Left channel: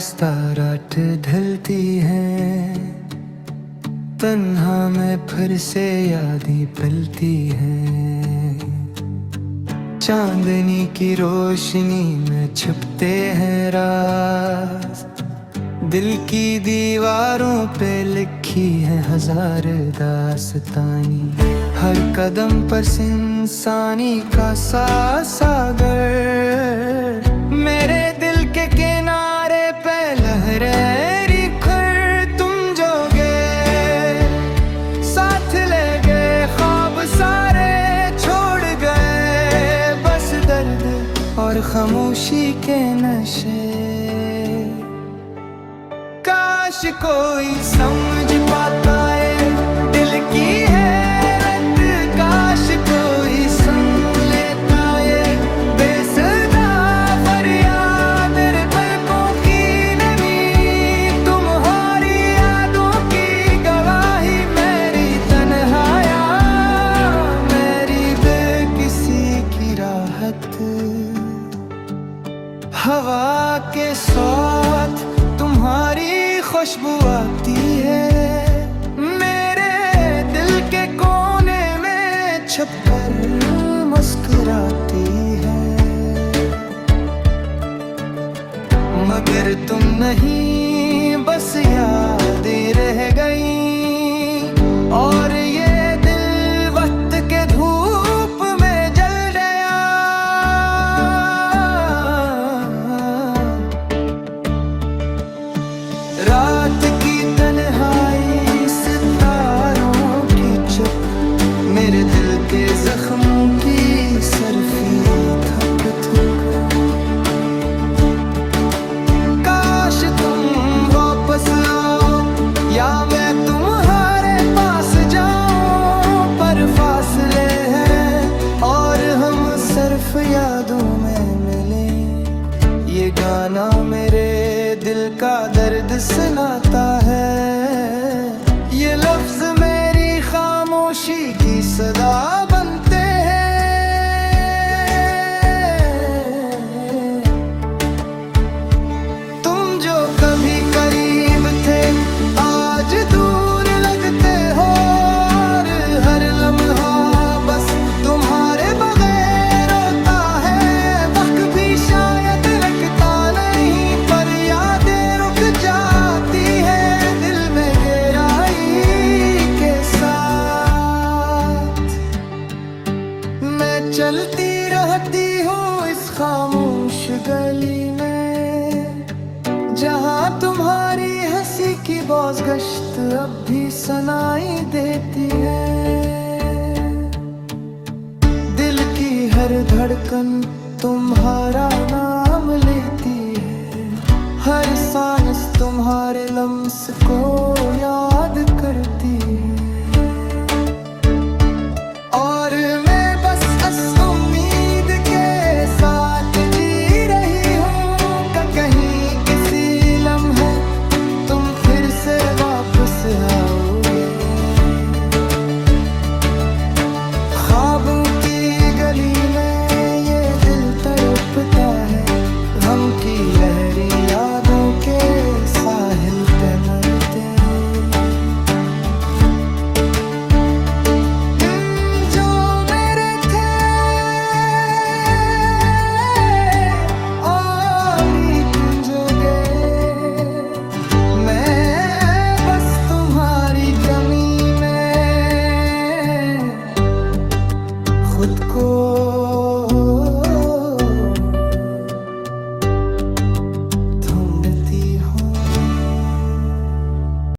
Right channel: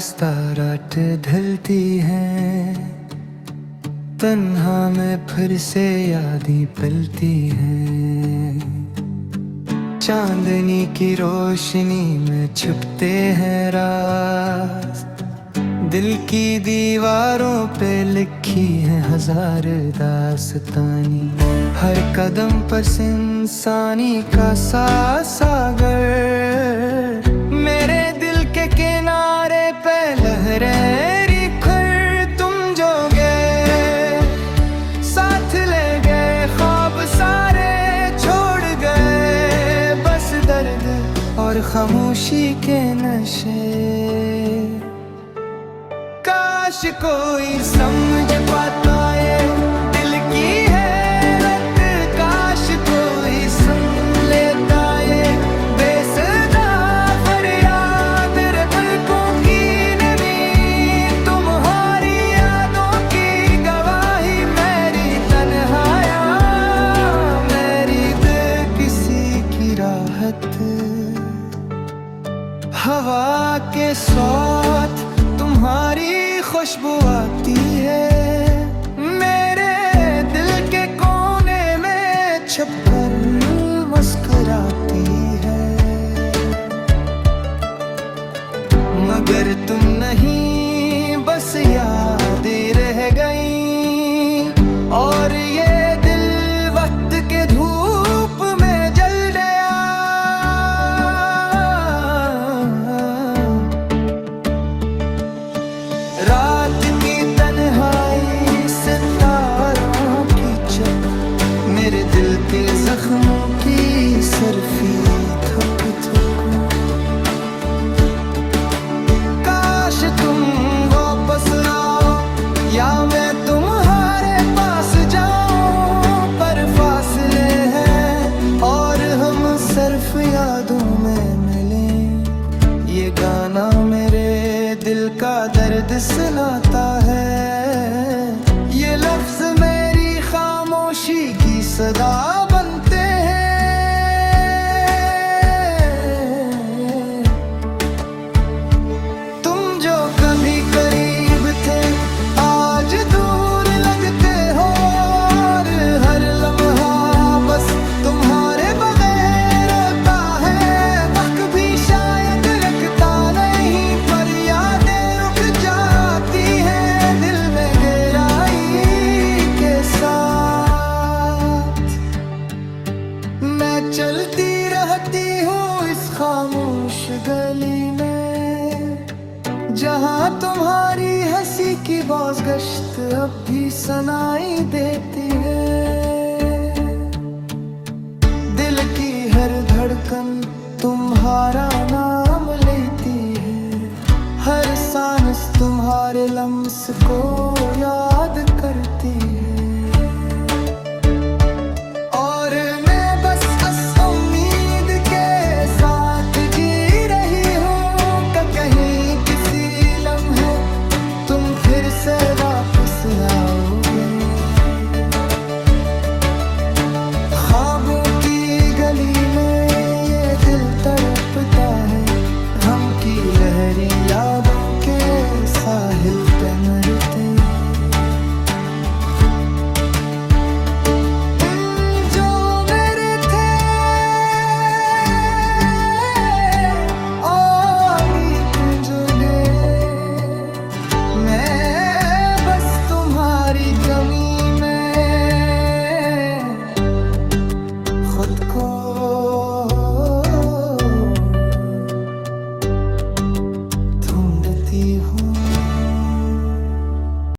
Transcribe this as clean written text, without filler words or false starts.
आहिस्ता रात ढलती है, तन्हा में फिर से यादें पलती हैं। चांदनी की रोशनी में छुपते हैं राज, दिल की दीवारों पे लिखी है हजार दास्तानी। हर कदम पर इंसानी का सागर, मेरे दिल के किनारे पे लहरें खर तुम जो गए, साथ ले गए ख्वाब सारे छोड़ गए, बस दर्द और खामोशी के नशे। काश कोई समझ पाता ये दिल की हैरत, काश कोई सुन लेता ये बेसुरा फरियाद। मेरे पलकों की नमी तुम्हारी यादों की गवाही, मेरी तन्हाइयाँ मेरी बेकिसी की राहत। हवा के साथ तुम्हारी खुशबू आती है, मेरे दिल के कोने में छुपकर मुस्कुराती है। मगर तुम नहीं, बस यादें रह गई, और ये दिल वक्त के धूप में जल गया। रात की तन्हाई, सितारों की चुप, मेरे दिल के जख्मों की सर्फी थक थक। काश तुम वापस आओ या मैं तुम्हारे पास जाऊं, पर फासले हैं और हम सिर्फ यादों में मिलें। ये गाना मेरे दिल का दर्द सुनाता है, ये लफ्ज मेरी खामोशी की सदा बनते हैं। तुम जो कभी करीब थे आज दूर लगते हो, और हर लम्हा बस तुम्हारे बगैर होता है। वक्त भी शायद रखता नहीं, पर यादें रुक जाती है दिल में गहराई के साथ। मैं चलती रहती हूँ इस खामोश गली में, जहाँ तुम्हारी हंसी की बौस गश्त अब भी सुनाई देती है। दिल की हर धड़कन तुम्हारा नाम लेती है, हर सांस तुम्हारे लम्स को याद करती है। और मैं बस इस उम्मीद के साथ जी रही हूँ कि कहीं किसी लम्हे तुम फिर से वापस आओगे। ख्वाबों की गली में ये दिल तड़पता है, गम की लहरें यादों के साहिल पे मरते। जो मेरे थे और तुम जो गए, मैं बस तुम्हारी कमी में खुद को